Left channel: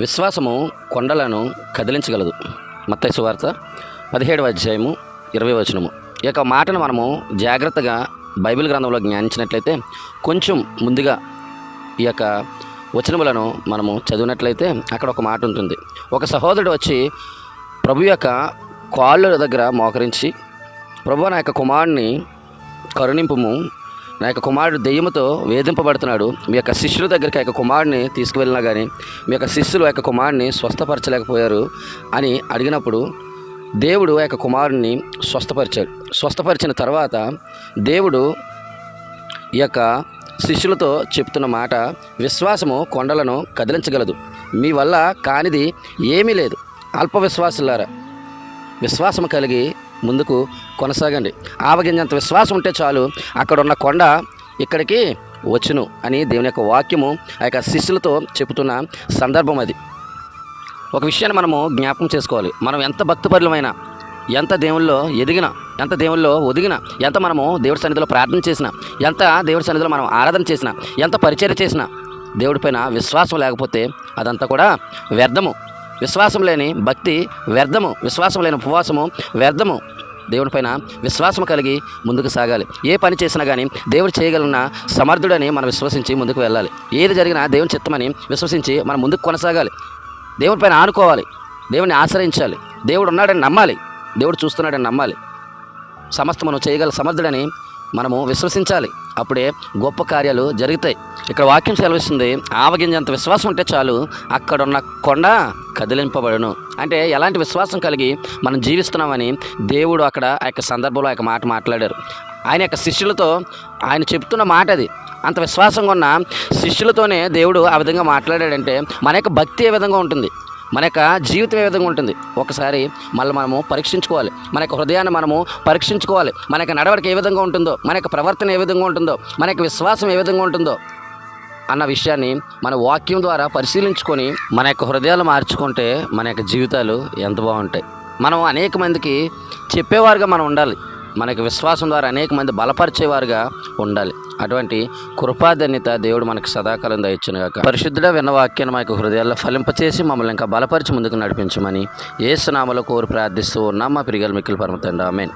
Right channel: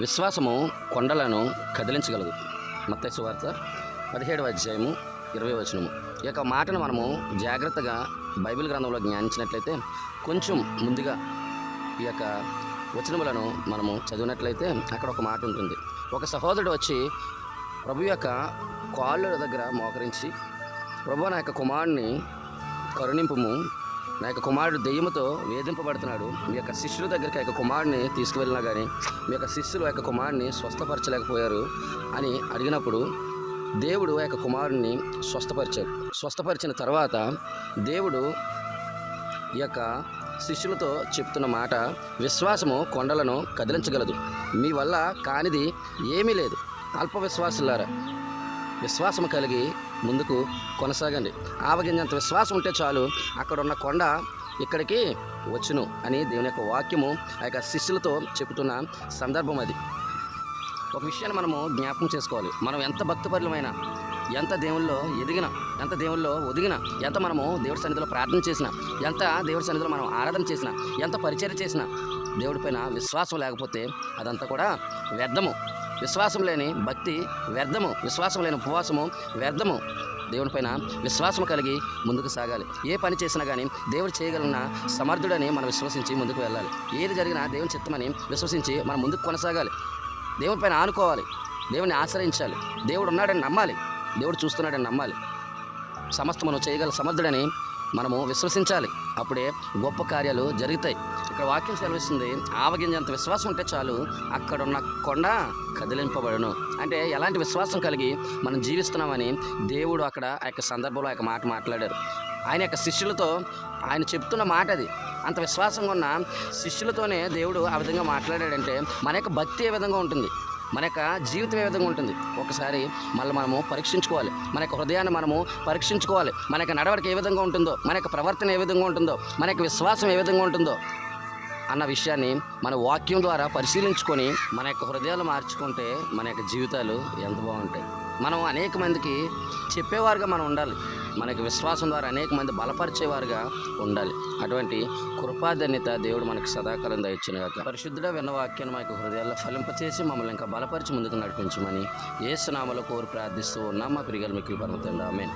విశ్వాసము కొండలను కదిలించగలదు. మత్తయి సువార్త 17వ అధ్యాయము 20వ వచనము. ఈ యొక్క మాటను మనము జాగ్రత్తగా బైబిల్ గ్రంథంలో జ్ఞానించినట్లయితే, కొంచెం ముందుగా ఈ యొక్క వచనములను మనము చదివినట్లయితే అక్కడ ఒక మాట ఉంటుంది. ఒక సహోదరుడు వచ్చి ప్రభు యొక్క కాళ్ళ దగ్గర మోకరించి, ప్రభు నా యొక్క కుమారుడిని కరుణింపుము, నా యొక్క కుమారుడు దెయ్యముతో వేధింపబడుతున్నాడు, మీ యొక్క శిష్యుల దగ్గరికి ఆ యొక్క కుమారుడిని తీసుకువెళ్ళినా కానీ మీ యొక్క శిష్యులు ఆ యొక్క కుమారుడిని స్వస్థపరచలేకపోయారు అని అడిగినప్పుడు, దేవుడు ఆ యొక్క కుమారుడిని స్వస్థపరిచాడు. స్వస్థపరిచిన తర్వాత దేవుడు ఈ యొక్క శిష్యులతో చెప్తున్న మాట, విశ్వాసము కొండలను కదిలించగలదు, మీ వల్ల కానిది ఏమీ లేదు. అల్ప విశ్వాసులారా, విశ్వాసం కలిగి ముందుకు కొనసాగండి. ఆవగింజంత విశ్వాసం ఉంటే చాలు, అక్కడ ఉన్న కొండ ఇక్కడికి వచ్చును అని దేవుని యొక్క వాక్యము ఆ యొక్క శిష్యులతో చెబుతున్న సందర్భం అది. ఒక విషయాన్ని మనము జ్ఞాపకం చేసుకోవాలి. మనం ఎంత భక్తిపరులమైనా, ఎంత దేవుల్లో ఎదిగినా, ఎంత దేవుల్లో ఒదిగినా, ఎంత మనము దేవుడి సన్నిధిలో ప్రార్థన చేసినా, ఎంత దేవుడి సన్నిధిలో మనం ఆరాధన చేసినా, ఎంత పరిచర్య చేసినా, దేవుడిపైన విశ్వాసం లేకపోతే అదంతా కూడా వ్యర్థము. విశ్వాసం లేని భక్తి వ్యర్థము, విశ్వాసం లేని ఉపవాసము వ్యర్థము. దేవునిపైన విశ్వాసం కలిగి ముందుకు సాగాలి. ఏ పని చేసినా కానీ దేవుడు చేయగలిగిన సమర్థుడని మనం విశ్వసించి ముందుకు వెళ్ళాలి. ఏది జరిగినా దేవుని చిత్తమని విశ్వసించి మనం ముందుకు కొనసాగాలి. దేవునిపైన ఆనుకోవాలి, దేవుని ఆశ్రయించాలి, దేవుడు ఉన్నాడని నమ్మాలి, దేవుడు చూస్తున్నాడని నమ్మాలి, సమస్తమును చేయగల సమర్థుడని మనము విశ్వసించాలి. అప్పుడే గొప్ప కార్యాలు జరుగుతాయి. ఇక్కడ వాక్యం సెలవిస్తుంది, ఆవగింజంత విశ్వాసం ఉంటే చాలు, అక్కడున్న కొండ కదిలింపబడును. అంటే ఎలాంటి విశ్వాసం కలిగి మనం జీవిస్తున్నామని దేవుడు అక్కడ ఆ యొక్క సందర్భంలో ఆ యొక్క మాట మాట్లాడారు. ఆయన యొక్క శిష్యులతో ఆయన చెప్తున్న మాట అది. అంత విశ్వాసంగా ఉన్న శిష్యులతోనే దేవుడు ఆ విధంగా మాట్లాడాడంటే మన యొక్క భక్తి ఏ విధంగా ఉంటుంది, మన యొక్క జీవితం ఏ విధంగా ఉంటుంది, ఒకసారి మళ్ళీ మనము పరీక్షించుకోవాలి. మన యొక్క హృదయాన్ని మనము పరీక్షించుకోవాలి. మన యొక్క నడవడిక ఏ విధంగా ఉంటుందో, మన యొక్క ప్రవర్తన ఏ విధంగా ఉంటుందో, మన యొక్క విశ్వాసం ఏ విధంగా ఉంటుందో అన్న విషయాన్ని మన వాక్యం ద్వారా పరిశీలించుకొని మన యొక్క హృదయాలు మార్చుకుంటే మన యొక్క జీవితాలు ఎంత బాగుంటాయి. మనం అనేక మందికి చెప్పేవారుగా మనం ఉండాలి. మనకి విశ్వాసం ద్వారా అనేక మంది బలపరిచేవారుగా ఉండాలి. అటువంటి కృపాధన్యత దేవుడు మనకు సదాకాలం దయచునుగాక. పరిశుద్ధుడ విన్న వాక్యాన్ని మా యొక్క హృదయాల్లో ఫలింపచేసి మమ్మల్ని ఇంకా బలపరిచి ముందుకు నడిపించమని యేసు నామములో కోరి ప్రార్థిస్తూ ఉన్నాం మా ప్రియగల మిక్కిలి పరమ తండ్రి. ఆమేన్.